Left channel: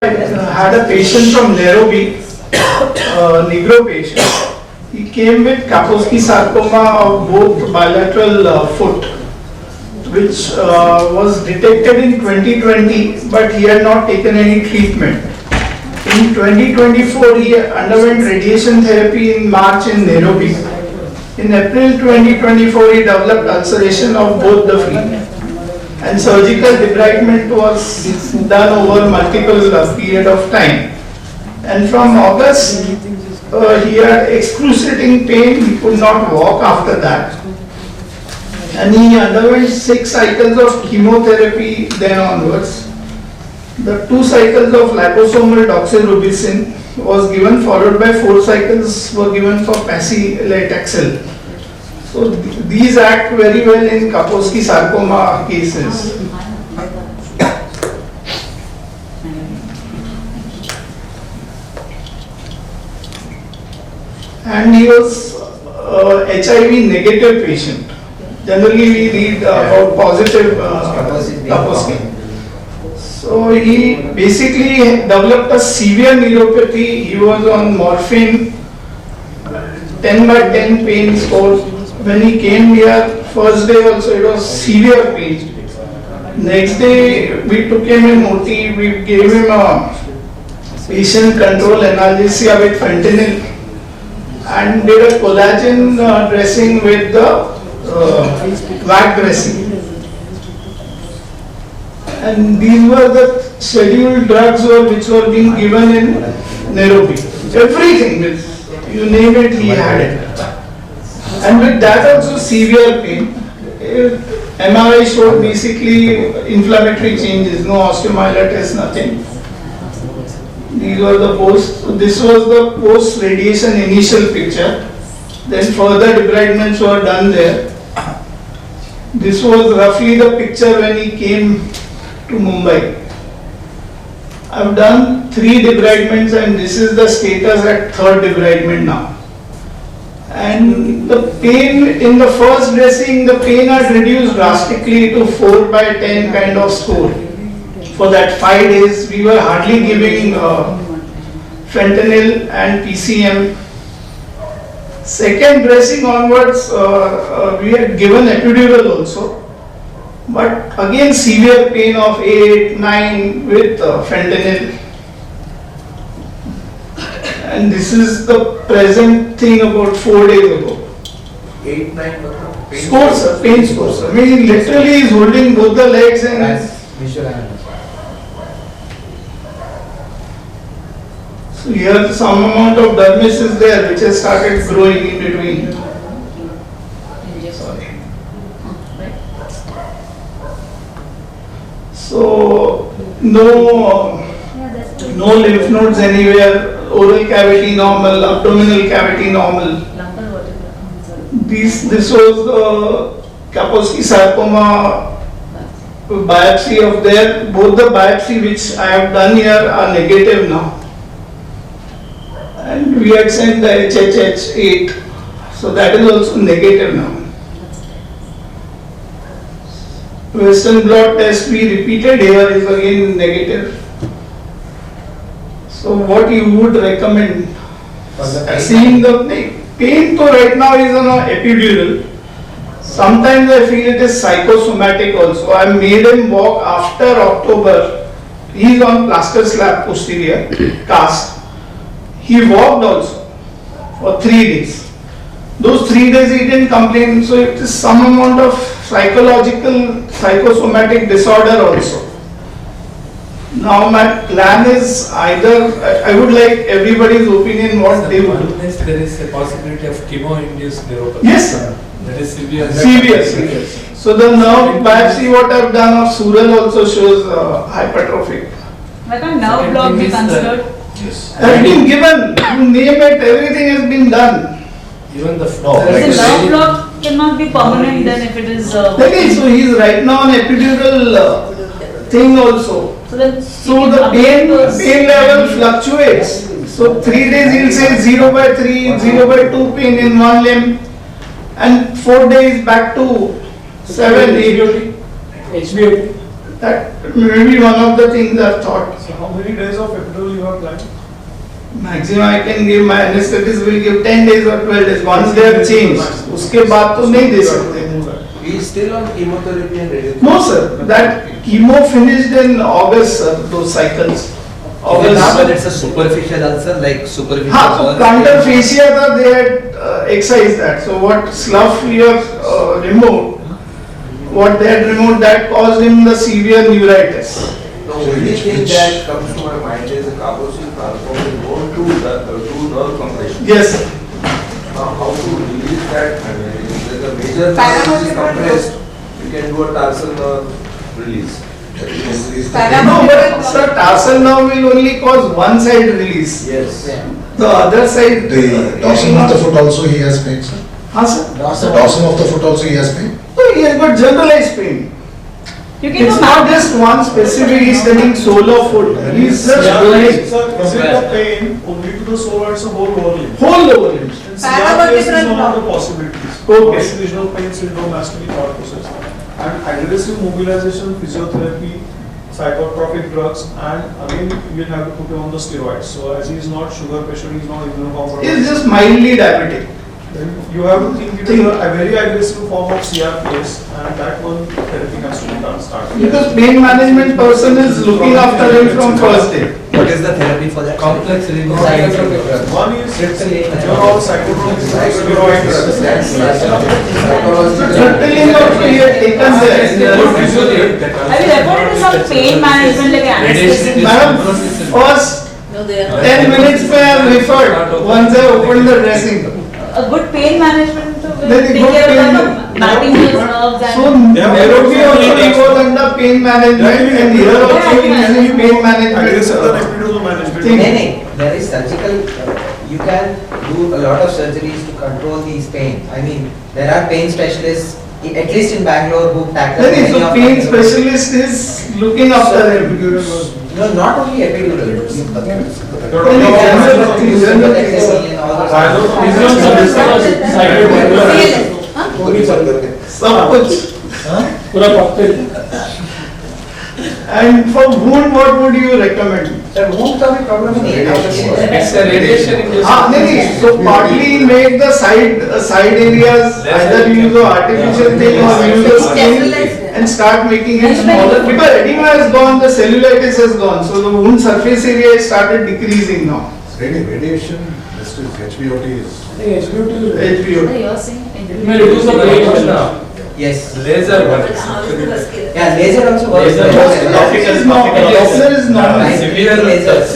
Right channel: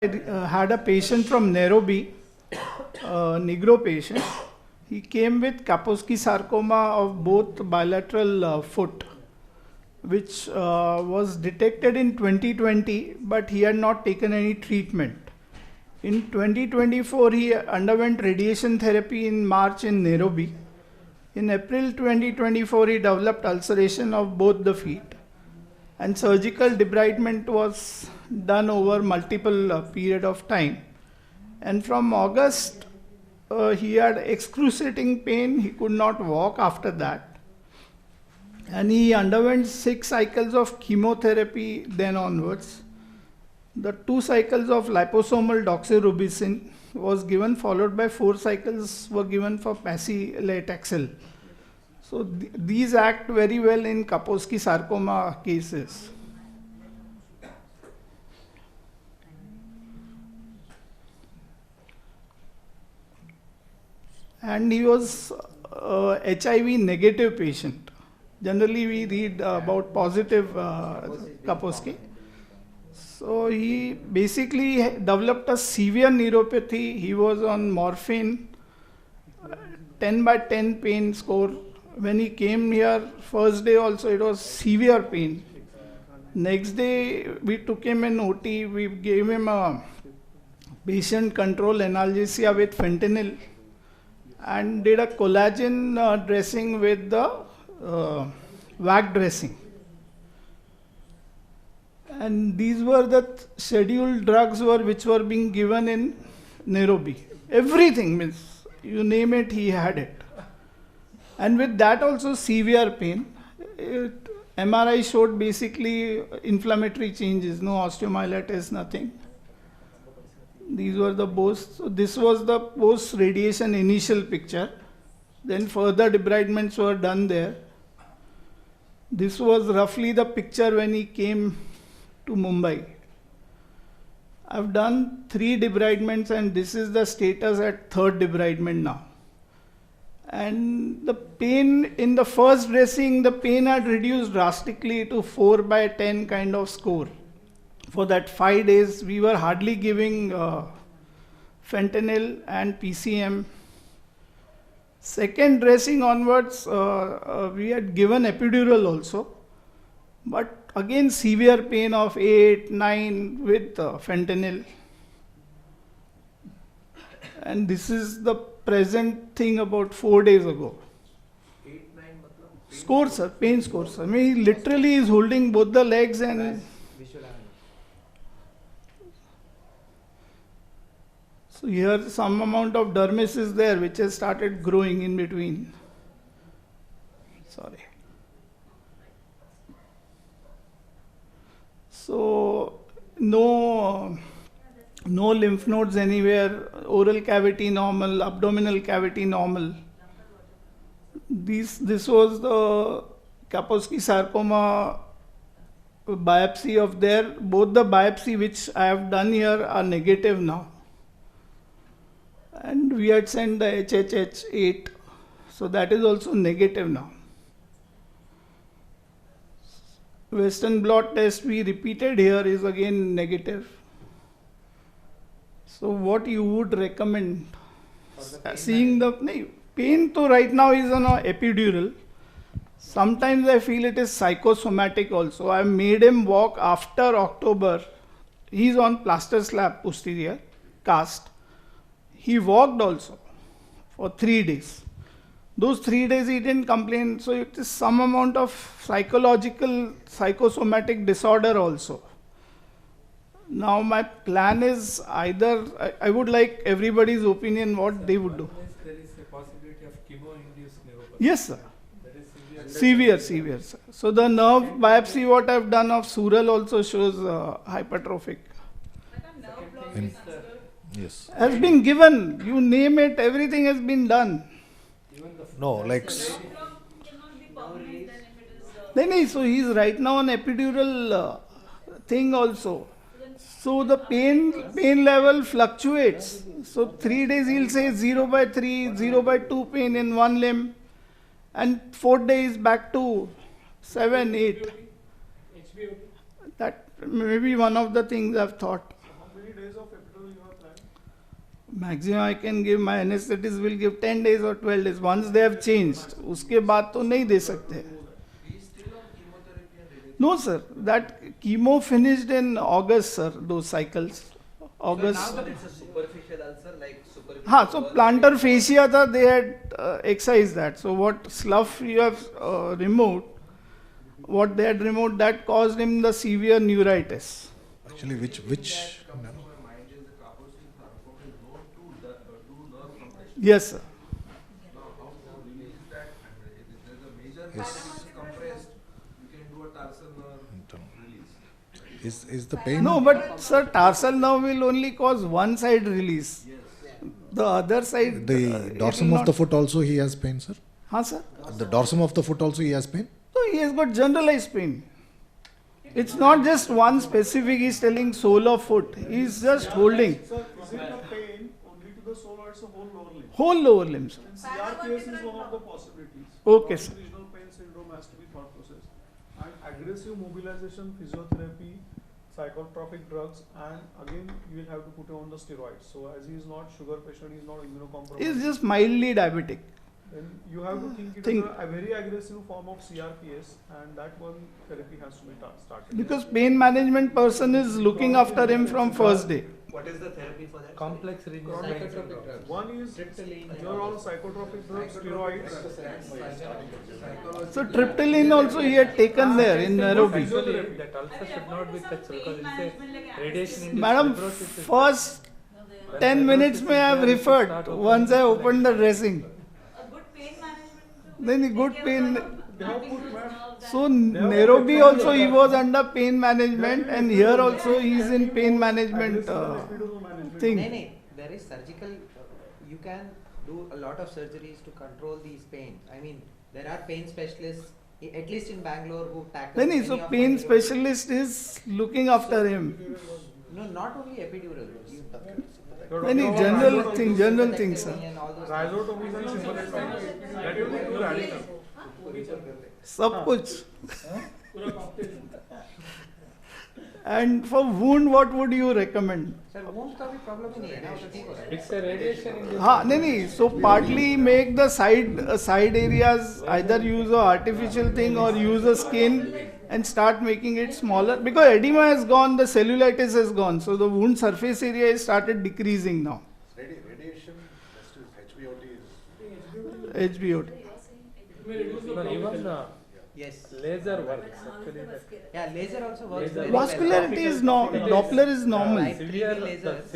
I had a patient from Nairobi, Negro patient. He came with Kaposi sarcoma of both bilateral foot, which was detected in 2020, but he had not taken any treatment. In 2024, he underwent radiation therapy in March in Nairobi. In April 2024, he developed ulceration of both the feet. And surgical debridement was done over multiple period of time. And from August, he had excruciating pain, he could not walk after that. And he underwent 6 cycles of chemotherapy then onwards. The 2 cycles of liposomal doxorubicin was given, followed by 4 cycles were given for paclitaxel. So these act very well in Kaposi sarcoma cases. And he was HIV negative patient. Generally we read about positive Kaposi. So he basically developed a severe neuropathy. He was on morphine, 10/10 pain score. When he came here, first day also it was severe pain. Next day we took him in OT, we gave him a patient control analgesia with fentanyl and did a collagen dressing with the VAC dressing. And these were the scheduled drugs which were being given in Nairobi. Everything, you name it, he had it. And with that also severe pain. MRI showed basically inflammatory changes, no osteomyelitis, nothing. These were the post. This was the post radiation initial picture. Then further debridements were done there. This was roughly the picture when he came to Mumbai. I've done 3 debridements and this is the status at 3rd debridement now. And the pain in the first dressing, the pain had reduced drastically to 4/10 kind of score. For that 5 days, we were hardly giving fentanyl and PCM. Second dressing onwards, we had given epidural also. But again, severe pain of 8-9 with fentanyl. And this is the present thing about 4 days ago. 8-9 Scores, pain scores. I mean, literally he's holding both the legs and. So here some amount of dermis is there which has started growing in between. Sorry. So no lymph nodes anywhere. Oral cavity normal, abdominal cavity normal. This was Kaposi sarcoma biopsy of there. Both the biopsy which I have done here are negative now. And we had sent the HHH8, so that is also negative now. Western blot test we repeated here is again negative. So what you would recommend? Seeing the pain so right now is on an epidural. Sometimes I feel it is psychosomatic also. I made him walk after October. He is on plaster slab posterior cast. He walked also for 3 days. Those 3 days he didn't complain. So it is some amount of psychological psychosomatic disorder also. Now my plan is either, I would like everybody's opinion what they would do. There is a possibility of chemo-induced neuropathy. Yes, sir. That is severe. Severe. So the nerve biopsy what I have done of Sural also shows hypertrophic. Why can't nerve block be considered? Has been given, you name it, everything has been done. Even the The nerve block cannot be permanent then if it is. Okay, so he is right now on epidural thing also. So the pain level fluctuates. So 3 days he'll say 0/3, 0/2 pain in one limb, and 4 days back to 7, 8. HBOT. That may be one of the things I've thought. So how many days of epidural you have planned? Maximum I can give, my anesthetist will give 10 days or 12 days. Once they have changed, उसके बाद तो नहीं दे सकते. He is still on chemotherapy and radiation. No sir, that chemo finished in August sir, those cycles. But it's a superficial ulcer, like superficial. हाँ तो plantar fascia था, they had excised that. So what slough we have removed, what they had removed, that caused him the severe neuritis. The only thing that comes to my mind is the carboxyl transform is going to nerve compression. Yes sir. How to release that? I mean, if the major nerve is compressed, you can do a tarsal nerve release. That you can release the- No, but sir, tarsal nerve will only cause one side release. Yes. The other side. The dorsum of the foot also he has pain, sir. हाँ sir. The dorsum of the foot also he has pain. So he has got generalized pain. You can It's do not just one specific, he's telling sole of foot. He's just doing Sir, is it a pain only to the sole or it's a whole lower limb? whole lower limbs. In CRPS is one of the possibilities. Okay. Regional pain syndrome has to be thought process. And aggressive mobilization, physiotherapy, psychotropic drugs, and again you will have to put him on the steroids. So as he is not sugar patient, he is not He's immunocompromised. just mildly diabetic. Then you have to think it is a very aggressive form of CRPS, and that one therapy has to be done starting. Because pain management person is looking after him from first day. What is the therapy for that? Complex renal One is your all psychotropic steroids. Certainly not he had taken there. Have you reported to some pain management like anesthesia? Madam, first No, they are. 10 minutes में I am referred once I opened the dressing. A good pain management to Very take good care pain of the mapping those nerves So and. neurology also he was under pain management and here also he is in pain Aggressive management. epidural management. Thing. There is surgical, you can do a lot of surgeries to control these pain. I mean, there are pain specialists, at least in Bangalore, who tackle Then many so of pain them. specialist is looking after him. No, not only epidural. Then he general things, general things. And all those. सब कुछ. And for wound, what would you recommend? Sir, wound का भी problem नहीं है. It's a radiation induced. हाँ नहीं, so partly make the side areas either use a artificial thing or use a skin and start making it smaller. Because edema has gone, the cellulitis has gone, so the wound surface area has started decreasing now. Radiation, this is HBOT is. HBO. You're saying. It may reduce the pain. Yes. Laser works. Yeah, laser also works. Laser Laser is normal. Laser is normal. Severe laser.